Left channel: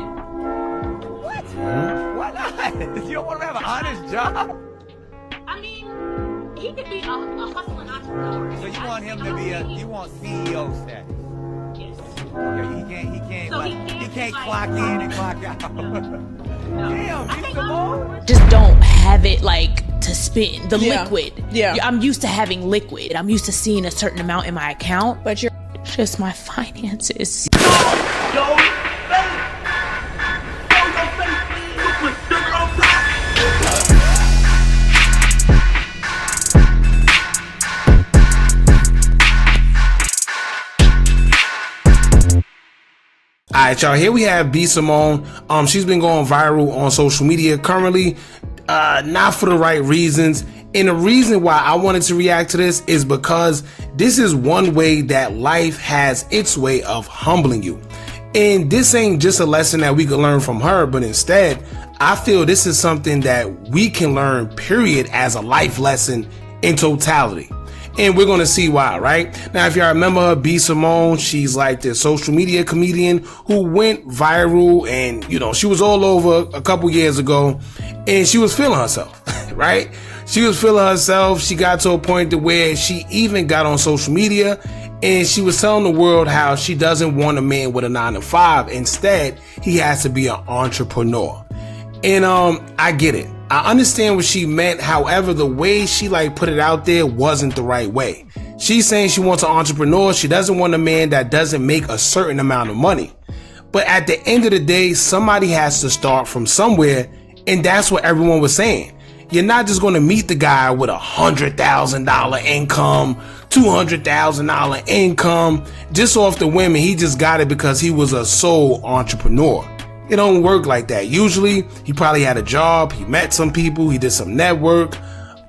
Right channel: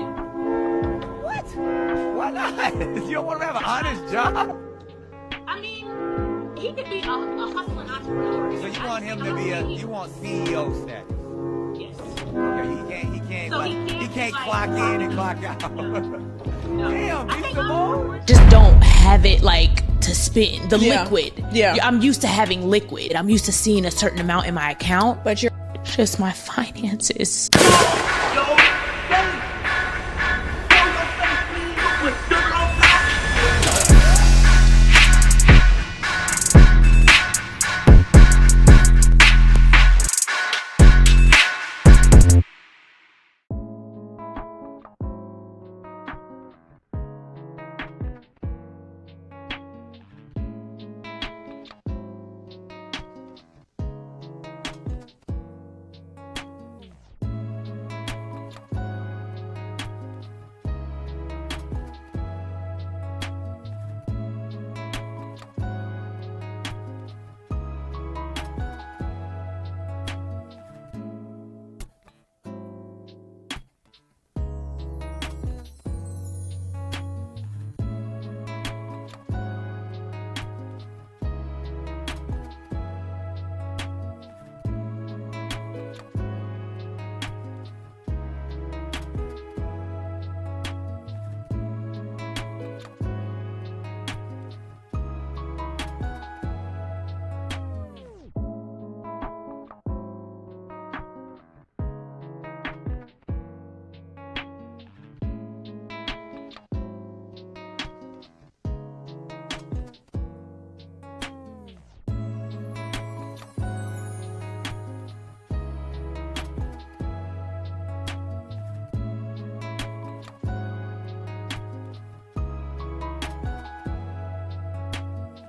What? Why not? You don't want to have an honest job? I mean, he could be a hustling entrepreneur. So you want him to be you want CEO status? Yes. Okay, he can't like, clock in and clock out. No. Damn, b.simone. Just don't have it like to spend the Yeah. liquid. Yeah. I'm used to having liquid. I'm used to seeing a certain amount in my account, but you're just my finances. Yo, face! Yo, your face, please! With sugar on top! Alright, y'all, here we have b.simone. She's been going viral on social media currently, not for the right reasons. And the reason why I wanted to react to this is because this is one way that life has its way of humbling you. And this ain't just a lesson that we can learn from her, but instead, I feel this is something that we can learn, period, as a life lesson in totality. And we're gonna see why, right? Now, if y'all remember her, b.simone, she's like this social media comedian who went viral, and you know, she was all over a couple years ago, and she was feeling herself, right? She was feeling herself. She got to a point to where she even got on social media, and she was telling the world how she doesn't want a man with a 9-to-5. Instead, he has to be an entrepreneur. And I get it. I understand what she meant. However, the way she put it out there wasn't the right way. She's saying she wants an entrepreneur. She doesn't want a man that doesn't make a certain amount of money. But at the end of the day, somebody has to start from somewhere, and that's what everyone was saying. You're not just going to meet the guy with $100,000 income, $200,000 income, just off the whim, and he just got it because he was a sole entrepreneur. It don't work like that. Usually, he probably had a job, he met some people, he did some network.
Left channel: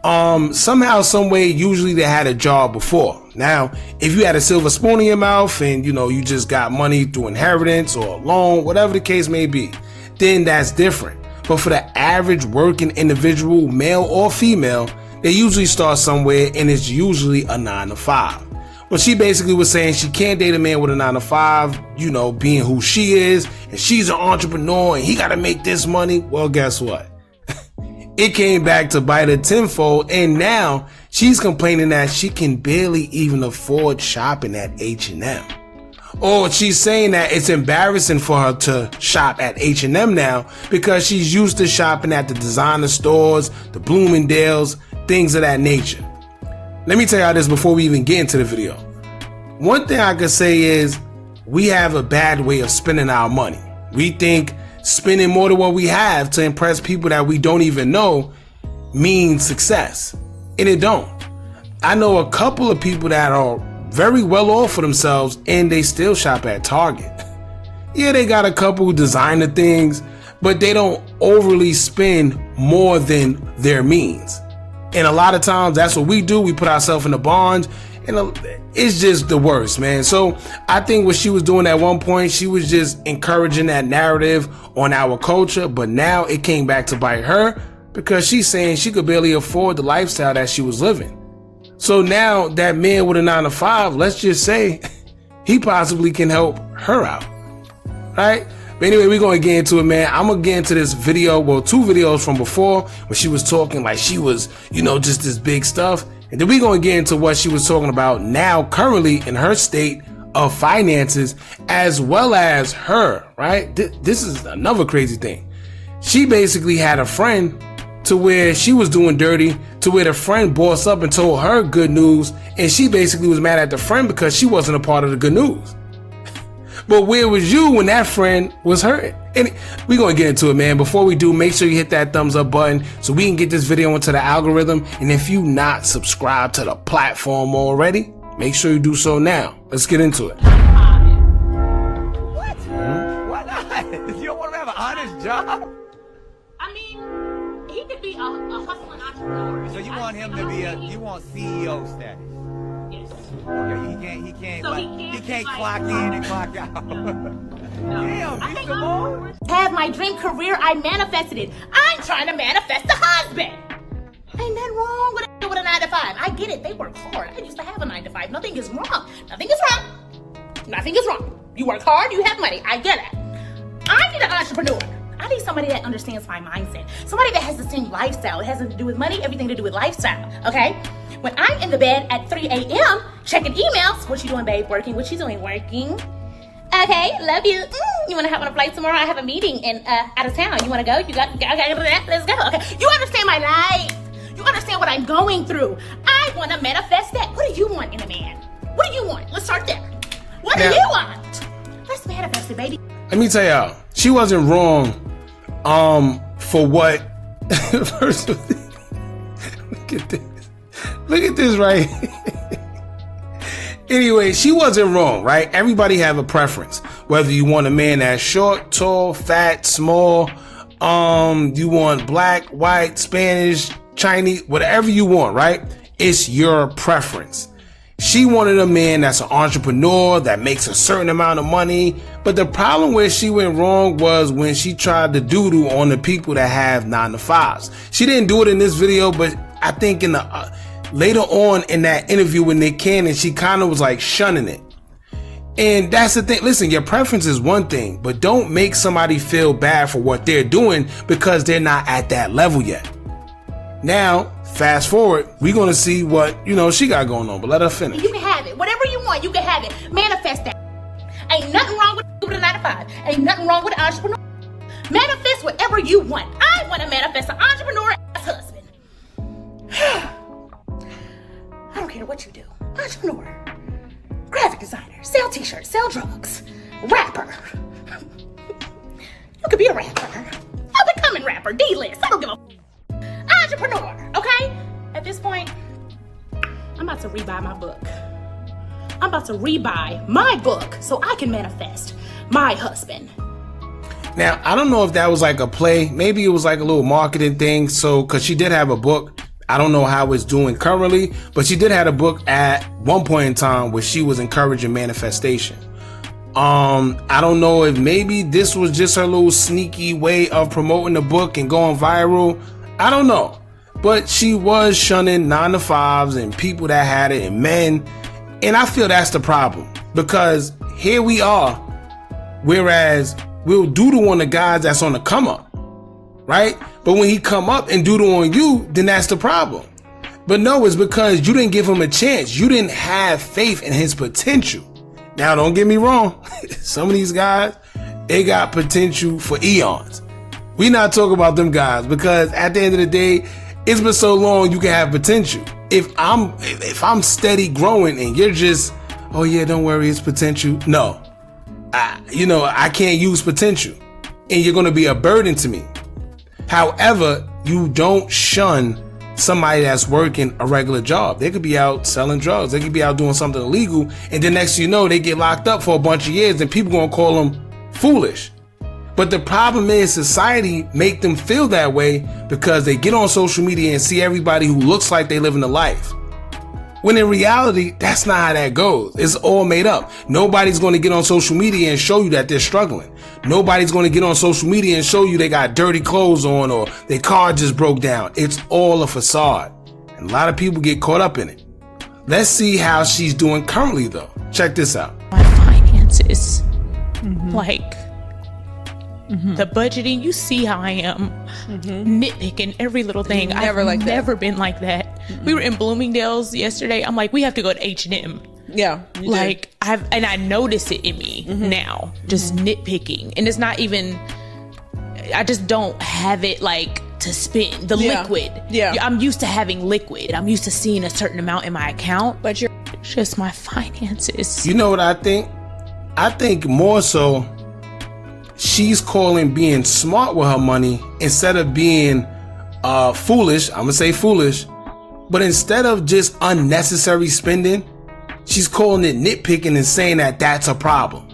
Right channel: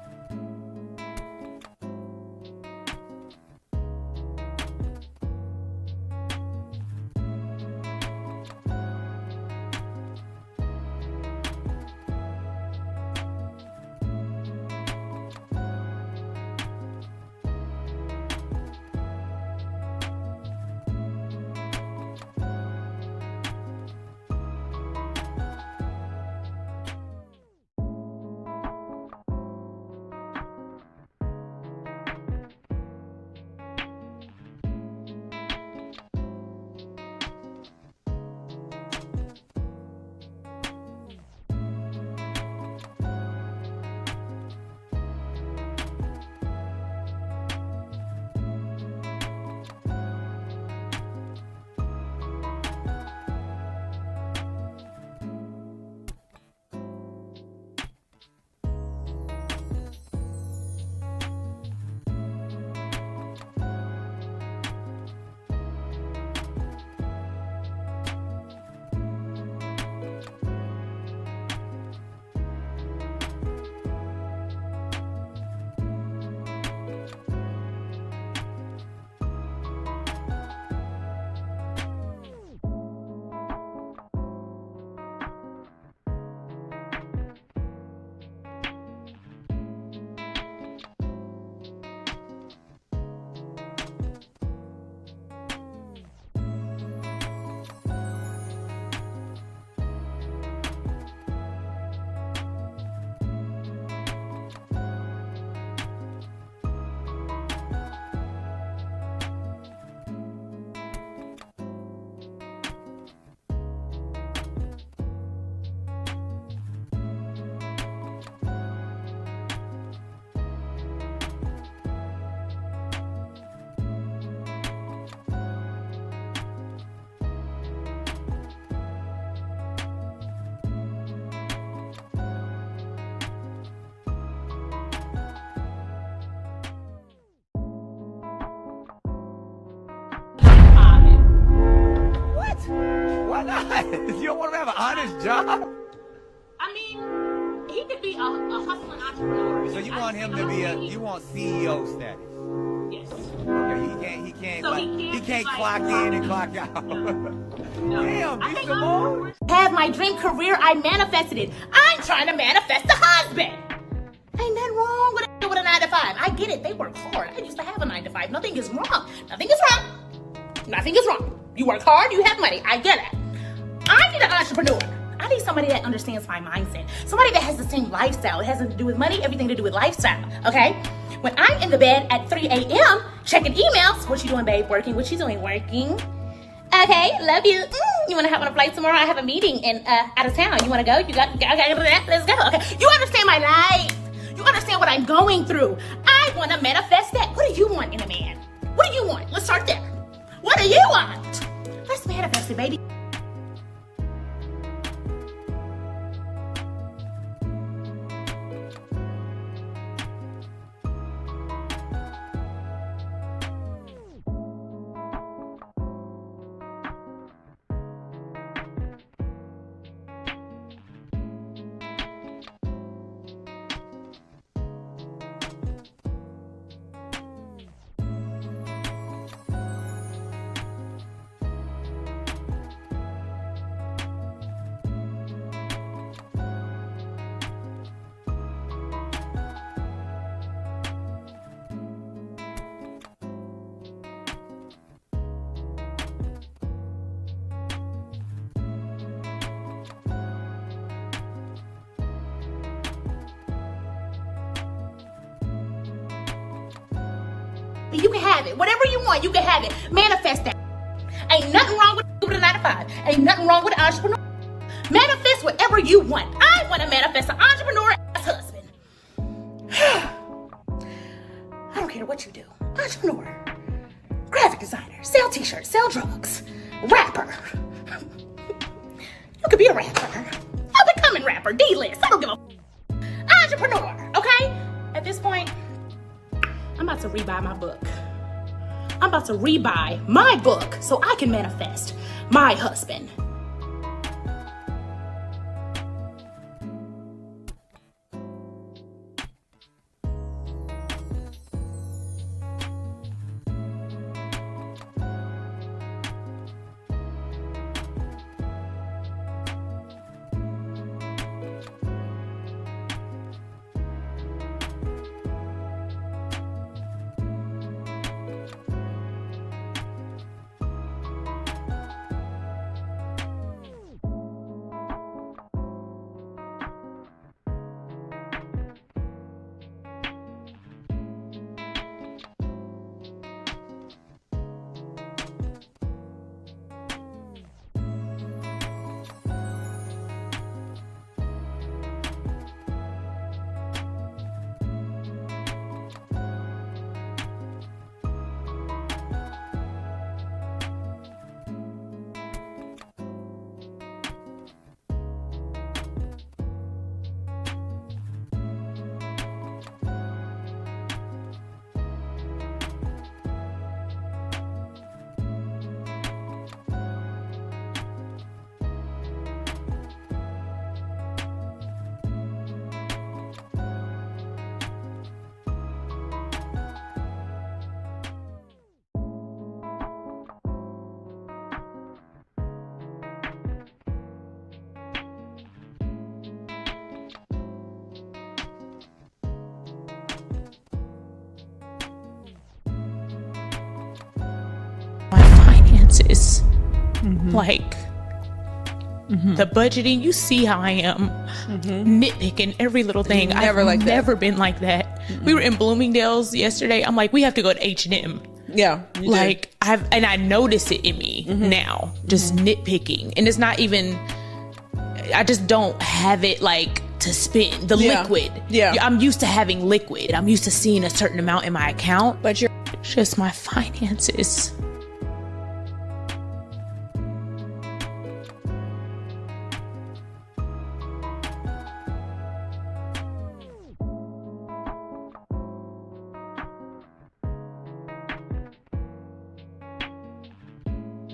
Somehow, some way, usually they had a job before. Now, if you had a silver spoon in your mouth and you just got money through inheritance or a loan, whatever the case may be, then that's different. But for the average working individual, male or female, they usually start somewhere, and it's usually a 9-to-5. Well, she basically was saying she can't date a man with a 9-to-5, being who she is, and she's an entrepreneur, and he got to make this money. Well, guess what? It came back to bite her tenfold, and now she's complaining that she can barely even afford shopping at H&M. Or she's saying that it's embarrassing for her to shop at H&M now because she's used to shopping at the designer stores, the Bloomingdale's, things of that nature. Let me tell y'all this before we even get into the video. One thing I could say is we have a bad way of spending our money. We think spending more than what we have to impress people that we don't even know means success. And it don't. I know a couple of people that are very well off for themselves and they still shop at Target. Yeah, they got a couple designer things, but they don't overly spend more than their means. And a lot of times that's what we do. We put ourselves in the bonds, and it's just the worst, man. So I think what she was doing at one point, she was just encouraging that narrative on our culture, but now it came back to bite her because she's saying she could barely afford the lifestyle that she was living. So now that man with a 9-to-5, let's just say he possibly can help her out, right? But anyway, we're going to get into it, man. I'm going to get into this video, well, 2 videos from before when she was talking like she was, just this big stuff. And then we're going to get into what she was talking about now, currently in her state of finances, as well as her, right? This is another crazy thing. She basically had a friend to where she was doing dirty, to where the friend bossed up and told her good news, and she basically was mad at the friend because she wasn't a part of the good news. But where was you when that friend was hurt? And we're going to get into it, man. Before we do, make sure you hit that thumbs up button so we can get this video into the algorithm. And if you not subscribed to the platform already, make sure you do so now. Let's get into it. What? Why not? You don't want to have an honest job? I mean, he could be a hustling entrepreneur. So you want him to be you want CEO status? Yes. Okay, he can't clock in and clock out. No. Damn, b.simone. Have my dream career, I manifested it. I'm trying to manifest a husband. Ain't nothing wrong with a 9-to-5. I get it, they work hard. I used to have a 9-to-5. Nothing is wrong. Nothing is wrong. Nothing is wrong. You work hard, you have money. I get it. I need an entrepreneur. I need somebody that understands my mindset. Somebody that has the same lifestyle. It has nothing to do with money, everything to do with lifestyle, okay? When I'm in the bed at 3 a.m. checking emails, what you doing, babe? Working? What you doing? Working? Okay, love you. You want to hop on a flight tomorrow? I have a meeting in out of town. You want to go? You got that? Let's go. Okay, you understand my life. You understand what I'm going through. I want to manifest that. What do you want in a man? What do you want? Let's start there. What do you want? Let's manifest it, baby. Let me tell y'all, she wasn't wrong. For what? First, look at this right. Anyway, she wasn't wrong, right? Everybody have a preference. Whether you want a man that's short, tall, fat, small, you want black, white, Spanish, Chinese, whatever you want, right? It's your preference. She wanted a man that's an entrepreneur, that makes a certain amount of money. But the problem where she went wrong was when she tried to doodle on the people that have 9-to-5s. She didn't do it in this video, but I think in the later on in that interview with Nick Cannon, she kind of was like shunning it. And that's the thing. Listen, your preference is one thing, but don't make somebody feel bad for what they're doing because they're not at that level yet. Now, fast forward, we're going to see what, she got going on, but let her finish. You can have it. Whatever you want, you can have it. Manifest that. Ain't nothing wrong with a 9-to-5. Ain't nothing wrong with an entrepreneur. Manifest whatever you want. I want to manifest an entrepreneur-ass husband. I don't care what you do. Entrepreneur. Graphic designer. Sell t-shirts. Sell drugs. Rapper. You could be a rapper. A becoming rapper. D-list. I don't give a entrepreneur, okay? At this point, I'm about to rebuy my book. I'm about to rebuy my book so I can manifest my husband. Now, I don't know if that was like a play. Maybe it was like a little marketing thing. So, because she did have a book. I don't know how it's doing currently, but she did have a book at one point in time where she was encouraging manifestation. I don't know if maybe this was just her little sneaky way of promoting the book and going viral. I don't know, but she was shunning 9-to-5s and people that had it and men. And I feel that's the problem because here we are, whereas we'll doodle on the guys that's on the come up, right? But when he come up and doodle on you, then that's the problem. But no, it's because you didn't give him a chance. You didn't have faith in his potential. Now, don't get me wrong. Some of these guys, they got potential for eons. We not talking about them guys because at the end of the day, it's been so long you can have potential. If I'm steady growing and you're just, oh yeah, don't worry, it's potential. No, I can't use potential and you're going to be a burden to me. However, you don't shun somebody that's working a regular job. They could be out selling drugs. They could be out doing something illegal. And then next thing you know, they get locked up for a bunch of years and people going to call them foolish. But the problem is society make them feel that way because they get on social media and see everybody who looks like they living a life. When in reality, that's not how that goes. It's all made up. Nobody's going to get on social media and show you that they're struggling. Nobody's going to get on social media and show you they got dirty clothes on or their car just broke down. It's all a facade. And a lot of people get caught up in it. Let's see how she's doing currently though. Check this out. My finances, the budgeting, you see how I am nitpicking every little thing. I've never been like that. We were in Bloomingdale's yesterday. I'm like, we have to go to H&M. Yeah. I notice it in me now, just nitpicking. And it's not even, I just don't have it like to spend the liquid. Yeah. I'm used to having liquid. I'm used to seeing a certain amount in my account, but you're just my finances. You know what I think? I think more so she's calling being smart with her money instead of being foolish. I'm gonna say foolish, but instead of just unnecessary spending, she's calling it nitpicking and saying that that's a problem.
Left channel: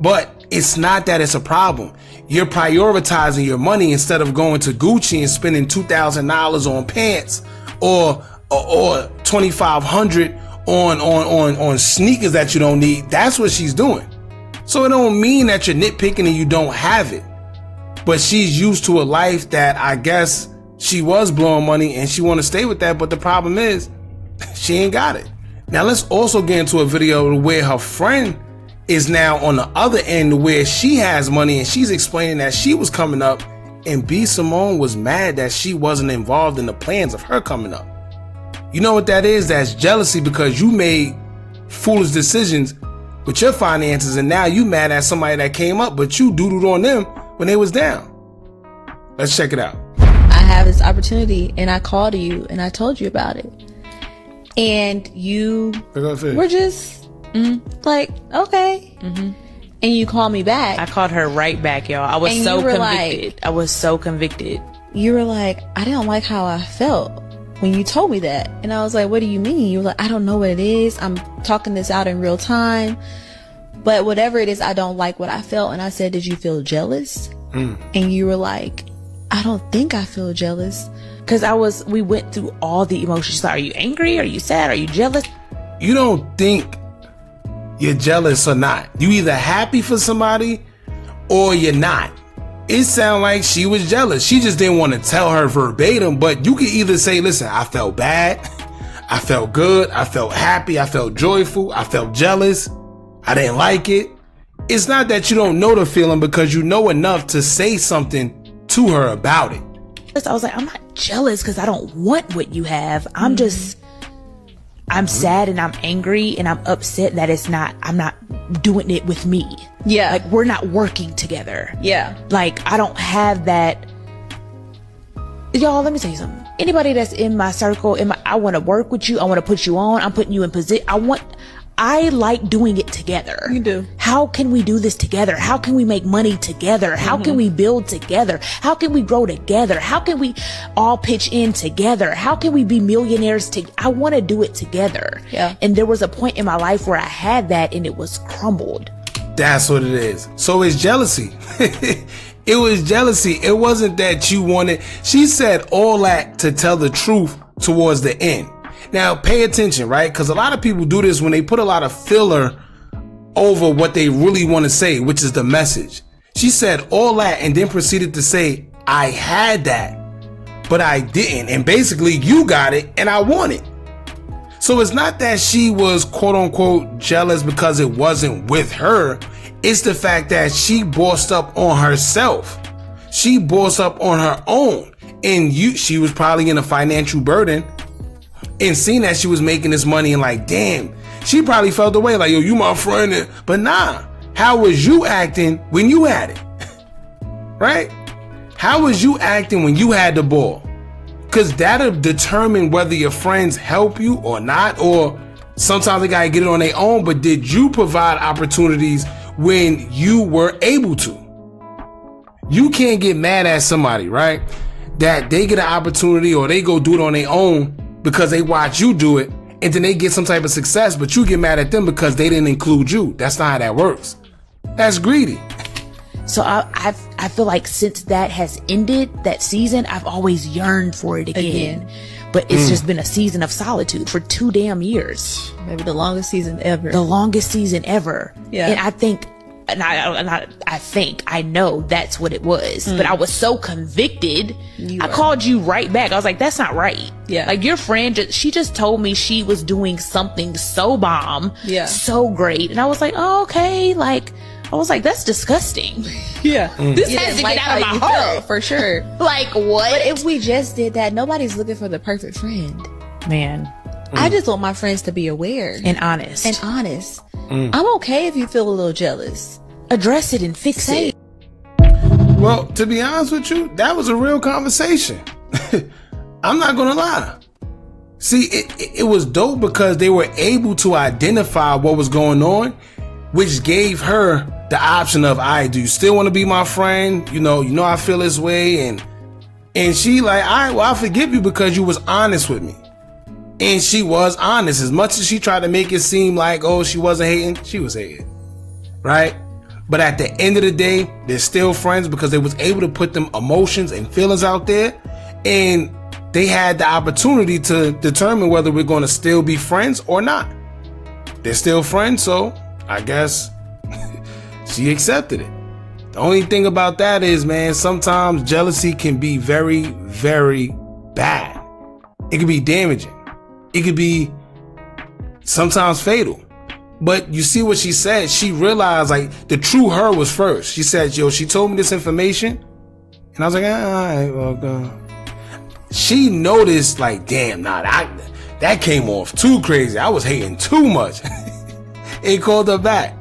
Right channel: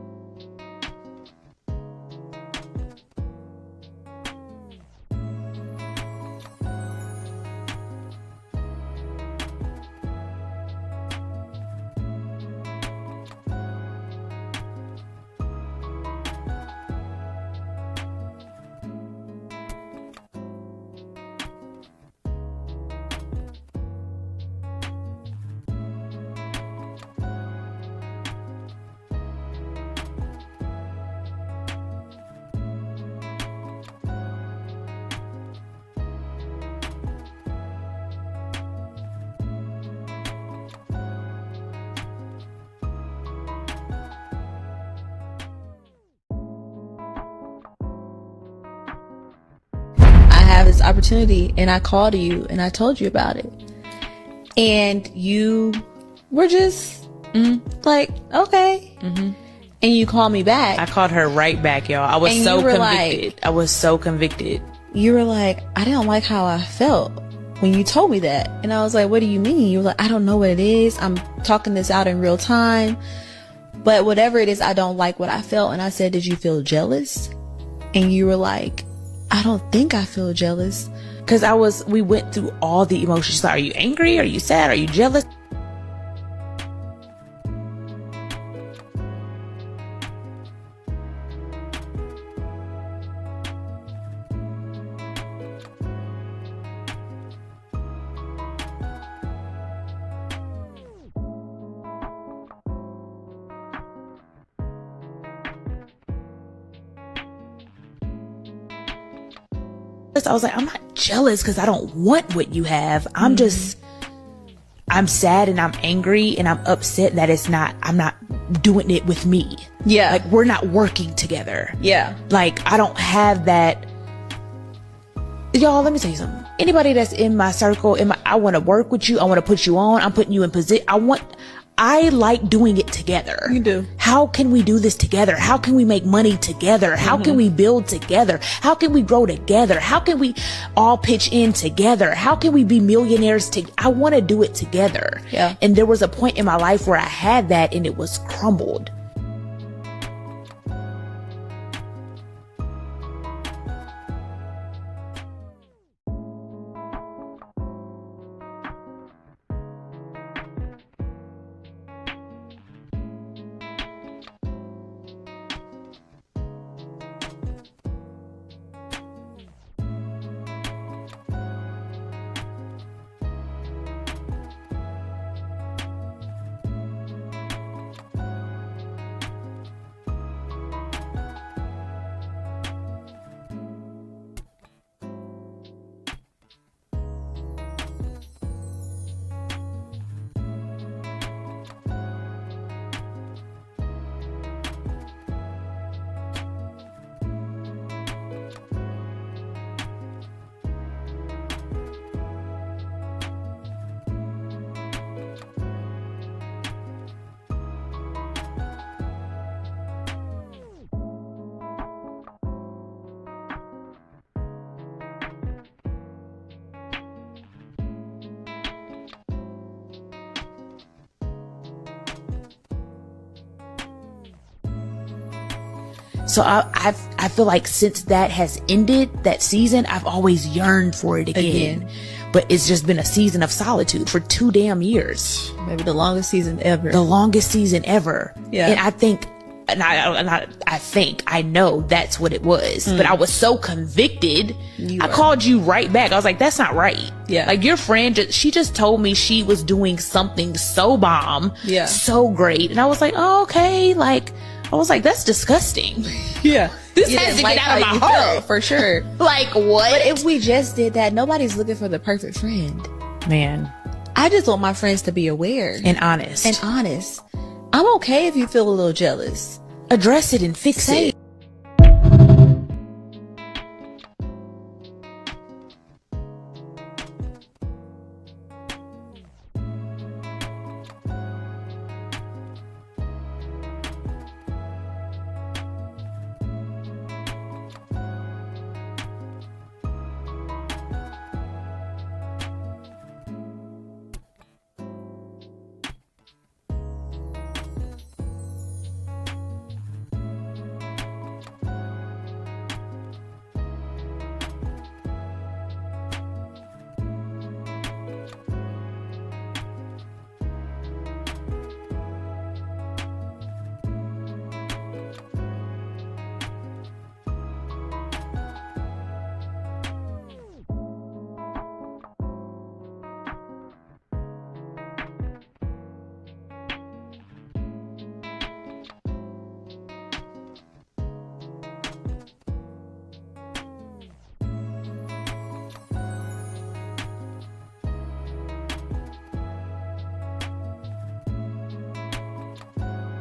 But it's not that it's a problem. You're prioritizing your money instead of going to Gucci and spending $2,000 on pants or $2,500 on sneakers that you don't need. That's what she's doing. So it don't mean that you're nitpicking and you don't have it. But she's used to a life that I guess she was blowing money and she want to stay with that. But the problem is she ain't got it. Now let's also get into a video where her friend is now on the other end where she has money and she's explaining that she was coming up, and b.simone was mad that she wasn't involved in the plans of her coming up. You know what that is? That's jealousy, because you made foolish decisions with your finances and now you mad at somebody that came up, but you doodled on them when they was down. Let's check it out. I have this opportunity and I called you and I told you about it. And you were just like, okay. And you called me back. I called her right back, y'all. I was so convicted. I was so convicted. You were like, I didn't like how I felt when you told me that. And I was like, what do you mean? You were like, I don't know what it is. I'm talking this out in real time. But whatever it is, I don't like what I felt. And I said, did you feel jealous? And you were like, I don't think I feel jealous. Because we went through all the emotions. Like, are you angry? Are you sad? Are you jealous? You don't think you're jealous or not. You either happy for somebody or you're not. It sounded like she was jealous. She just didn't want to tell her verbatim, but you could either say, listen, I felt bad, I felt good, I felt happy, I felt joyful, I felt jealous, I didn't like it. It's not that you don't know the feeling, because you know enough to say something to her about it. I was like, I'm not jealous because I don't want what you have. I'm sad and I'm angry and I'm upset that I'm not doing it with me. Yeah. Like, we're not working together. Yeah. Like, I don't have that. Y'all, let me tell you something. Anybody that's in my circle, I want to work with you. I want to put you on. I'm putting you in position. I like doing it together. You do. How can we do this together? How can we make money together? How can we build together? How can we grow together? How can we all pitch in together? How can we be millionaires I want to do it together. Yeah. And there was a point in my life where I had that and it was crumbled. That's what it is. So it's jealousy. It was jealousy. It wasn't that you wanted. She said all that to tell the truth towards the end. Now, pay attention, right? Because a lot of people do this when they put a lot of filler over what they really want to say, which is the message. She said all that and then proceeded to say, I had that, but I didn't. And basically, you got it and I want it. So it's not that she was quote unquote jealous because it wasn't with her. It's the fact that she bossed up on herself. She bossed up on her own. And she was probably in a financial burden. And seeing that she was making this money and like, damn, she probably felt the way like, yo, you my friend. But nah, how was you acting when you had it? Right? How was you acting when you had the ball? Because that'll determine whether your friends help you or not, or sometimes they gotta get it on their own. But did you provide opportunities when you were able to? You can't get mad at somebody, right? That they get an opportunity or they go do it on their own because they watch you do it, and then they get some type of success, but you get mad at them because they didn't include you. That's not how that works. That's greedy. So I feel like since that has ended, that season, I've always yearned for it again. But it's just been a season of solitude for 2 damn years. Maybe the longest season ever. The longest season ever. Yeah. And I think, I know that's what it was. But I was so convicted. I called you right back. I was like, that's not right. Yeah. Like, your friend, she just told me she was doing something so bomb. Yeah. So great. And I was like, oh, okay. Like, I was like, that's disgusting. Yeah. This has to get out of my heart. For sure. Like, what? But if we just did that, nobody's looking for the perfect friend. Man. I just want my friends to be aware. And honest. I'm okay if you feel a little jealous. Address it and fix it. Well, to be honest with you, that was a real conversation. I'm not gonna lie. See, it was dope because they were able to identify what was going on, which gave her the option of, all right, do you still want to be my friend? You know I feel this way. And she like, all right, well, I forgive you because you was honest with me. And she was honest. As much as she tried to make it seem like, oh, she wasn't hating, she was hating. Right? But at the end of the day, they're still friends because they was able to put them emotions and feelings out there. And they had the opportunity to determine whether we're going to still be friends or not. They're still friends, so I guess she accepted it. The only thing about that is, man, sometimes jealousy can be very, very bad. It can be damaging. It could be sometimes fatal. But you see what she said? She realized like the true her was first. She said, yo, she told me this information. And I was like, all right, well, she noticed like, damn, nah, that came off too crazy. I was hating too much. It called her back.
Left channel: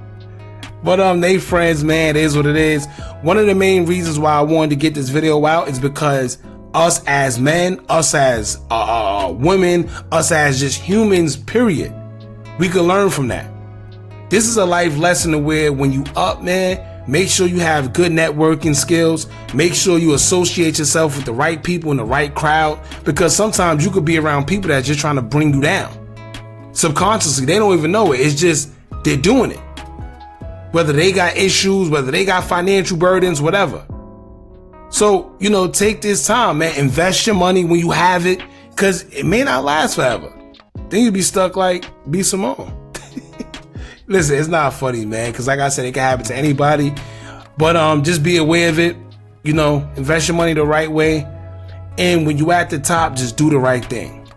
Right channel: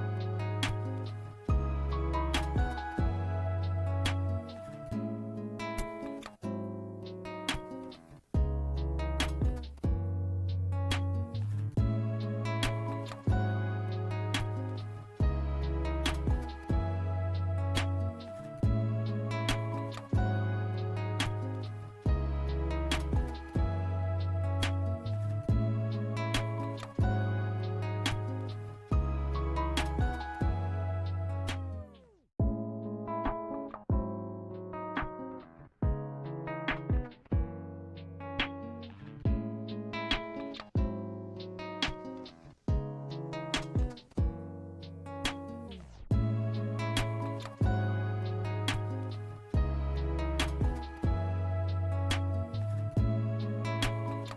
But they friends, man, it is what it is. One of the main reasons why I wanted to get this video out is because us as men, us as women, us as just humans, period, we can learn from that. This is a life lesson to where when you up, man, make sure you have good networking skills. Make sure you associate yourself with the right people in the right crowd, because sometimes you could be around people that are just trying to bring you down. Subconsciously, they don't even know it. It's just they're doing it. Whether they got issues, whether they got financial burdens, whatever. So, take this time, man. Invest your money when you have it, because it may not last forever. Then you'll be stuck like b.simone. Listen, it's not funny, man, because like I said, it can happen to anybody. But just be aware of it. Invest your money the right way. And when you at the top, just do the right thing.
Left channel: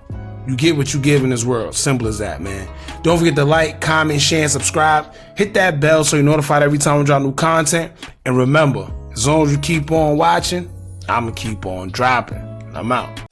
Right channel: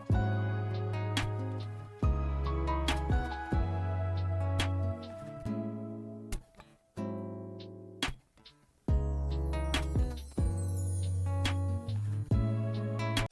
You get what you give in this world. Simple as that, man. Don't forget to like, comment, share, and subscribe. Hit that bell so you're notified every time we drop new content. And remember, as long as you keep on watching, I'm going to keep on dropping. I'm out.